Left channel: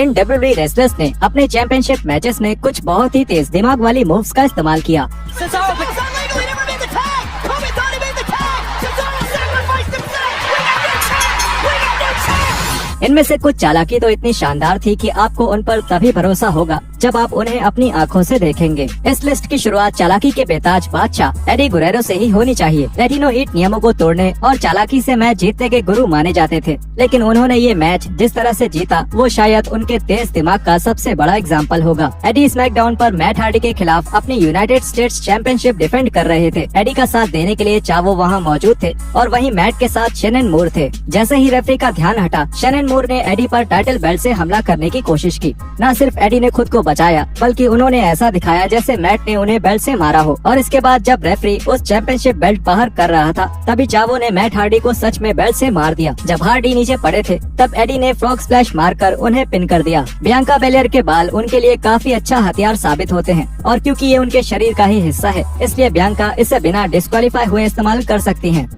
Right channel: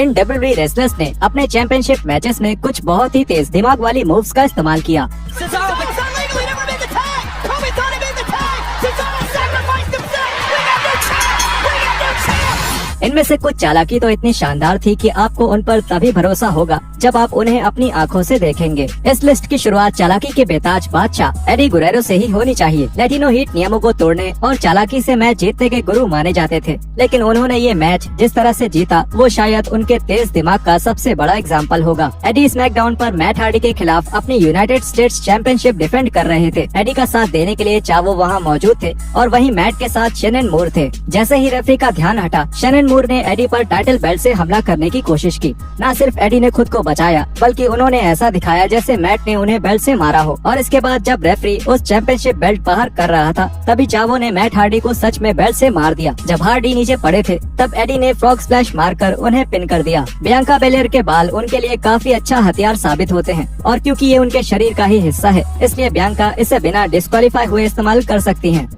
इन WWE wrestlers ने अपने championship matches में कुछ बहुत ही तेज दिमाग वाली मूव्स का इस्तेमाल किया। इनमें से कुछ चालाकी तो इतनी शानदार थी कि आपको उन पर तभी भरोसा होगा जब आप उन्हें अपनी आंखों से देखेंगे। इस लिस्ट की शुरुआत चालाकी के बेताज बादशाह एडी गुरेरो से ही होनी चाहिए। लैटिनो हीट नियमों को तोड़ने और चालाकी से मैच जीतने के गुरु माने जाते थे, लेकिन उन्होंने ये मैच जिस तरह से जीता वो शायद उनके तेज दिमाग का सबसे बड़ा एग्जाम्पल होगा। एडी स्मैकडाउन पर मैट हार्डी के खिलाफ अपनी यूनाइटेड स्टेट्स चैंपियनशिप डिफेंड कर रहे थे। एडी का साथ देने के लिए चावो वहाँ मौजूद थे और वहीं मैट के साथ शेनन मूर थे। जैसे ही रेफरी का ध्यान हटा, शेनन मूर ने एडी पर टाइटल बेल्ट से हमला करने की कोशिश की। न सिर्फ एडी ने खुद को बचाया, बल्कि उन्होंने ऐसा दिखाया जैसे मैट ने उन्हें बेल्ट से मारा हो। और इसके बाद जब रेफरी उस चैंपियनशिप बेल्ट बाहर कर रहा था, तभी चावो ने मैट हार्डी को सच में बेल्ट से मार दिया। जब हार्डी नीचे पड़े थे, तब एडी ने फ्रॉग स्प्लैश मारकर उन्हें पिन कर दिया। बियांका बेलेयर के बाल उनके लिए काफी अच्छा हथियार साबित होते हैं, और क्योंकि ये उनके शरीर का ही हिस्सा है, इसलिए बियांका इसे बिना डिस्क्वालीफाई हुए इस्तेमाल कर सकती हैं।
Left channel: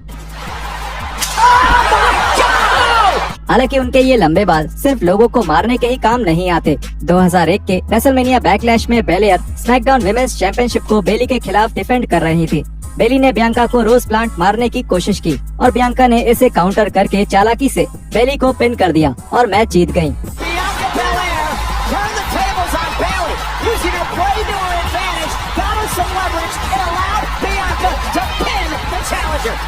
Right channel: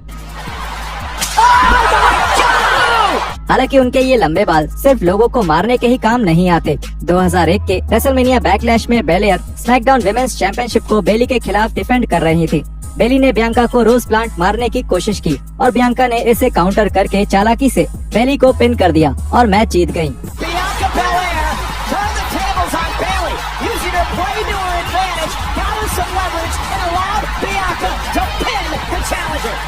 हालांकि उनके ये लंबे बाल सिर्फ लोगों को मारने के ही काम नहीं आते। 2001 के रेसलमेनिया बैकलैश में बेलेयर स्मैकडाउन विमेंस चैंपियनशिप को बेली के खिलाफ डिफेंड कर रही थी। बेली ने बियांका को रोज प्लांट मारने की कोशिश की और बियांका ने इसे काउंटर करके चालाकी से बेली को पिन कर दिया और मैच जीत गयी।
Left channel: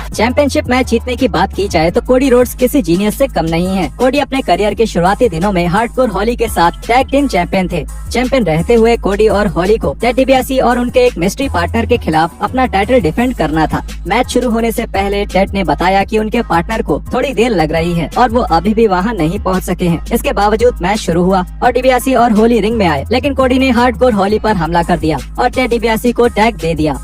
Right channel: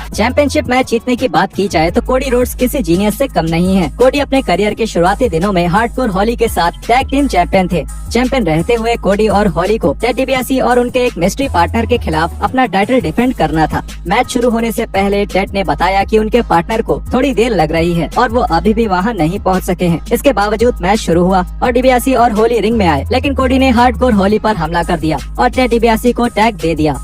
चैंपियनशिप मैच जीतने की बात की जाए तो कोडी रोड्स किसी जीनियस से कम नहीं है। कोडी अपने करियर के शुरुआती दिनों में हार्डकोर हॉली के साथ टैग टीम चैंपियन थे। चैंपियन रहते हुए कोडी और हॉली को टेड डिबियासी और उनके एक मिस्ट्री पार्टनर के खिलाफ अपना टाइटल डिफेंड करना था। मैच शुरू होने से पहले टेड ने बताया कि उनके पार्टनर को थोड़ी देर लग रही है और वो अभी भी वहाँ नहीं पहुँच सके हैं। इसके बावजूद मैच शुरू हुआ और डिबियासी और हॉली रिंग में आए, लेकिन कोडी ने हार्डकोर हॉली पर हमला कर दिया और टेड डिबियासी को टैग दे दिया।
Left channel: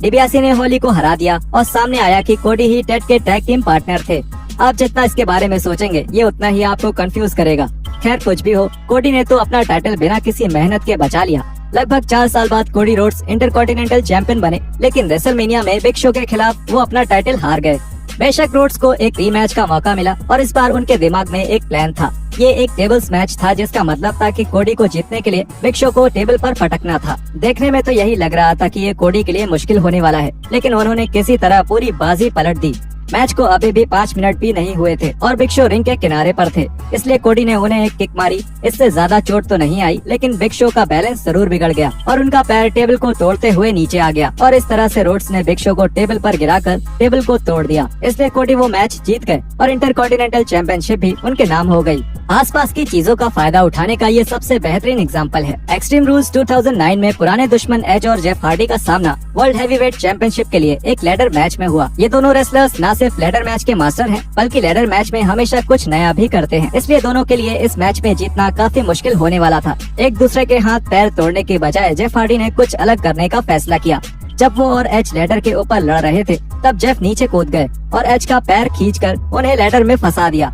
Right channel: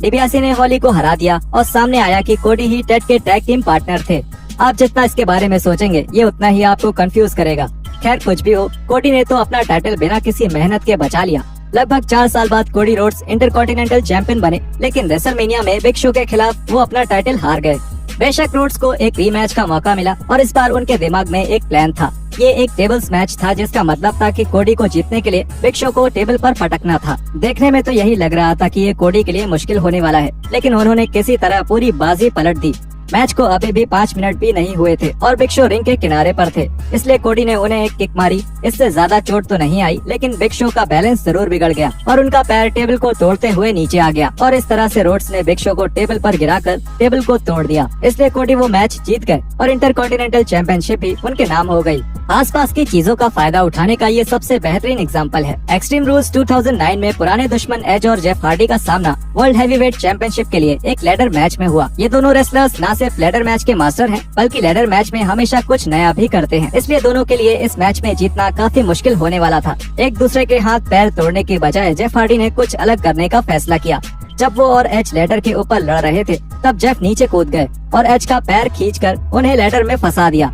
डिबियासी ने हॉली को हरा दिया और सामने आया कि कोडी ही टेड के टैग टीम पार्टनर थे। आप जितना इसके बारे में सोचेंगे, ये उतना ही आपको कंफ्यूज करेगा। खैर कुछ भी हो, कोडी ने तो अपना टाइटल बिना किसी मेहनत के बचा लिया। लगभग 4 साल बाद कोडी रोड्स इंटरकॉन्टिनेंटल चैंपियन बने, लेकिन रेसलमेनिया में बिग शो के खिलाफ वो अपना टाइटल हार गए। बेशक रोड्स को एक रीमैच का मौका मिला और इस बार उनके दिमाग में एक प्लान था। ये एक टेबल्स मैच था, जिसका मतलब था कि कोडी को जीतने के लिए बिग शो को टेबल पर फटकना था। देखने में तो यही लग रहा था कि ये कोडी के लिए मुश्किल होने वाला है, लेकिन उन्होंने किसी तरह पूरी बाजी पलट दी। मैच को अभी भी 5 मिनट भी नहीं हुए थे और बिग शो रिंग के किनारे पर थे, इसलिए कोडी ने उन्हें एक किक मारी। इससे ज्यादा चोट तो नहीं आई, लेकिन बिग शो का बैलेंस जरूर बिगड़ गया और उनका पैर टेबल को तोड़ते हुए नीचे आ गया और इस तरह से रोड्स ने बिग शो को टेबल पर गिराकर टेबल को तोड़ दिया। इसलिए कोडी वो मैच जीत गए और इंटरकॉन्टिनेंटल चैंपियनशिप भी उनके नाम हो गयी। आसपास की चीजों का फायदा उठाने का ये सबसे बेहतरीन एग्जाम्पल है। एक्सट्रीम रूल्स 2009 में पुराने दुश्मन एज और जेफ हार्डी का सामना वर्ल्ड हैवीवेट चैंपियनशिप के लिए एक लैडर मैच में हुआ। ये दोनों रेसलर्स न सिर्फ लैडर मैच के मास्टर हैं, बल्कि लैडर मैच में हमेशा कुछ नया भी करते हैं, इसलिए दोनों के लिए इस मैच में जीतना काफी मुश्किल होने वाला था। एक दूसरे के हाथ पैर तोड़ने के बजाय जेफ हार्डी ने कुछ अलग करने का फैसला किया। जब वो और एच लैडर के ऊपर लड़ रहे थे, तब जेफ नीचे कूद गए और एच का पैर खींचकर उन्हें लैडर में फंसा दिया।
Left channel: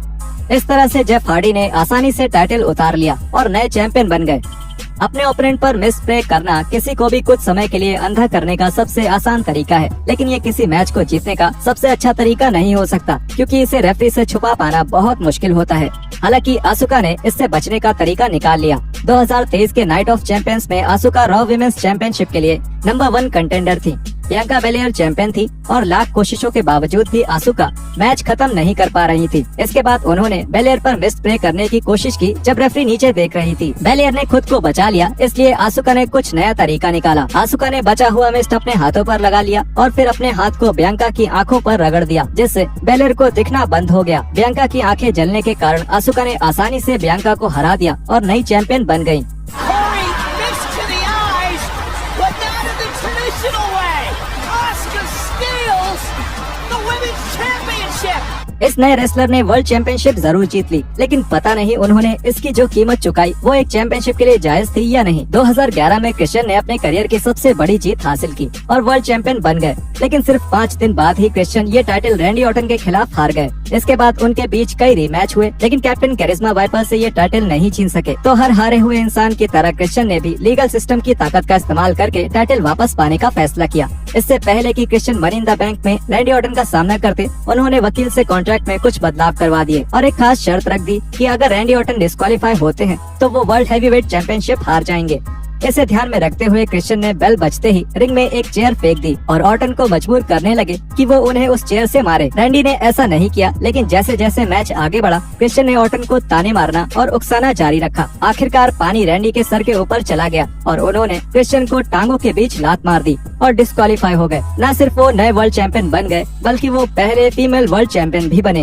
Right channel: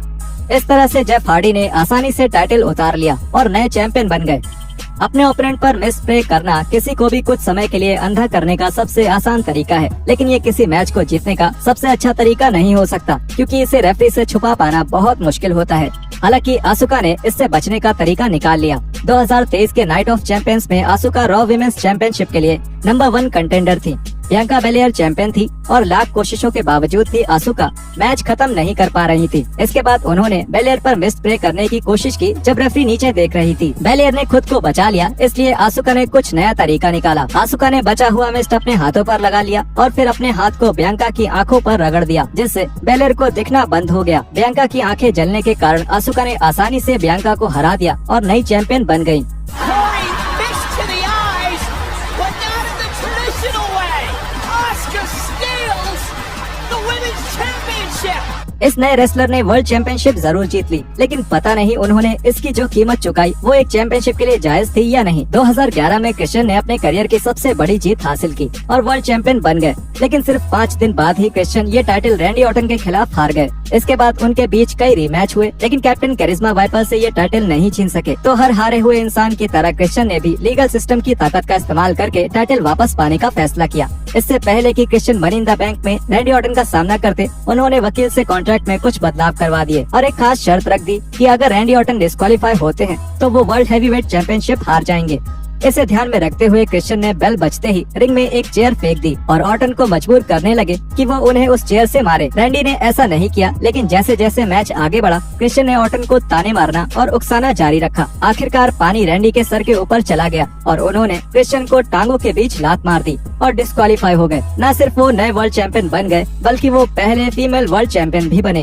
इस तरह से जेफ हार्डी ने आसानी से टाइटल उतार लिया और नए चैंपियन बन गए। अपने ओपोनेंट पर मिस स्प्रे करना किसी को भी कुछ समय के लिए अंधा करने का सबसे आसान तरीका है, लेकिन ये किसी मैच को जीतने का सबसे अच्छा तरीका नहीं हो सकता, क्योंकि इसे रेफरी से छुपा पाना बहुत मुश्किल होता है। हालांकि आसुका ने इससे बचने का तरीका निकाल लिया। 2023 के नाइट ऑफ चैंपियंस में आसुका रॉ विमेंस चैंपियनशिप के लिए नंबर 1 कंटेंडर थी। बियांका बेलेयर चैंपियन थी और लाख कोशिशों के बावजूद भी आसुका मैच खत्म नहीं कर पा रही थी। इसके बाद उन्होंने बेलेयर पर मिस स्प्रे करने की कोशिश की जब रेफरी नीचे देख रही थी। बेलेयर ने खुद को बचा लिया, इसलिए आसुका ने कुछ नया तरीका निकाला। आसुका ने बचा हुआ मिस्ट अपने हाथों पर लगा लिया और फिर अपने हाथ को बियांका की आंखों पर रगड़ दिया, जिससे बेलेयर को दिखना बंद हो गया। बियांका की आंखें जलने के कारण आसुका ने आसानी से बियांका को हरा दिया और नई चैंपियन बन गयी। इस नए रेसलर ने वर्ल्ड चैंपियनशिप जरूर जीत ली, लेकिन पता नहीं उन्होंने इसकी जो कीमत चुकाई वो एक चैंपियनशिप के लिए जायज थी या नहीं। 2011 में क्रिश्चियन ने अपने करियर की सबसे बड़ी जीत हासिल की और वर्ल्ड चैंपियन बन गए, लेकिन सिर्फ 5 दिन बाद ही क्रिश्चियन ये टाइटल रैंडी ऑर्टन के खिलाफ हार गए। इसके बाद उनके बीच कई रीमैच हुए, लेकिन कैप्टन करिश्मा वाइपर से ये टाइटल नहीं छीन सके। तो हर हारे हुए इंसान की तरह क्रिश्चियन ने भी लीगल सिस्टम की ताकत का इस्तेमाल करके टाइटल वापस पाने का फैसला किया। इससे पहले कि Christian money in the bank में रैंडी ऑर्टन का सामना करते, उन्होंने वकील से कॉन्ट्रैक्ट कॉन्ट्रैक्ट में कुछ बदलाव करवा दिए और एक खास शर्त रख दी कि अगर रैंडी ऑर्टन डिस्क्वालीफाई होते हैं तो वो वर्ल्ड हैवीवेट चैंपियनशिप हार जाएंगे। इसे ध्यान में रखते हुए क्रिश्चियन ने बेल बजते ही रिंग में एक चेयर फेंक दी और ऑर्टन को मजबूर करने लगे कि वो उन्हें उस चेयर से मारे। रैंडी ने ऐसा नहीं किया, लेकिन जैसे जैसे मैच आगे बढ़ा क्रिश्चियन ने ऑर्टन को ताने मारना और उकसाना जारी रखा। आखिरकार पानी रैंडी के सर के ऊपर चला गया और उन्होंने क्रिश्चियन को टांगों के बीच लात मार दी और डिस्क्वालीफाई हो गए। न सिर्फ वो नए वर्ल्ड चैंपियन बन गए बल्कि वो पहले फीमेल वर्ल्ड चैंपियन भी बने।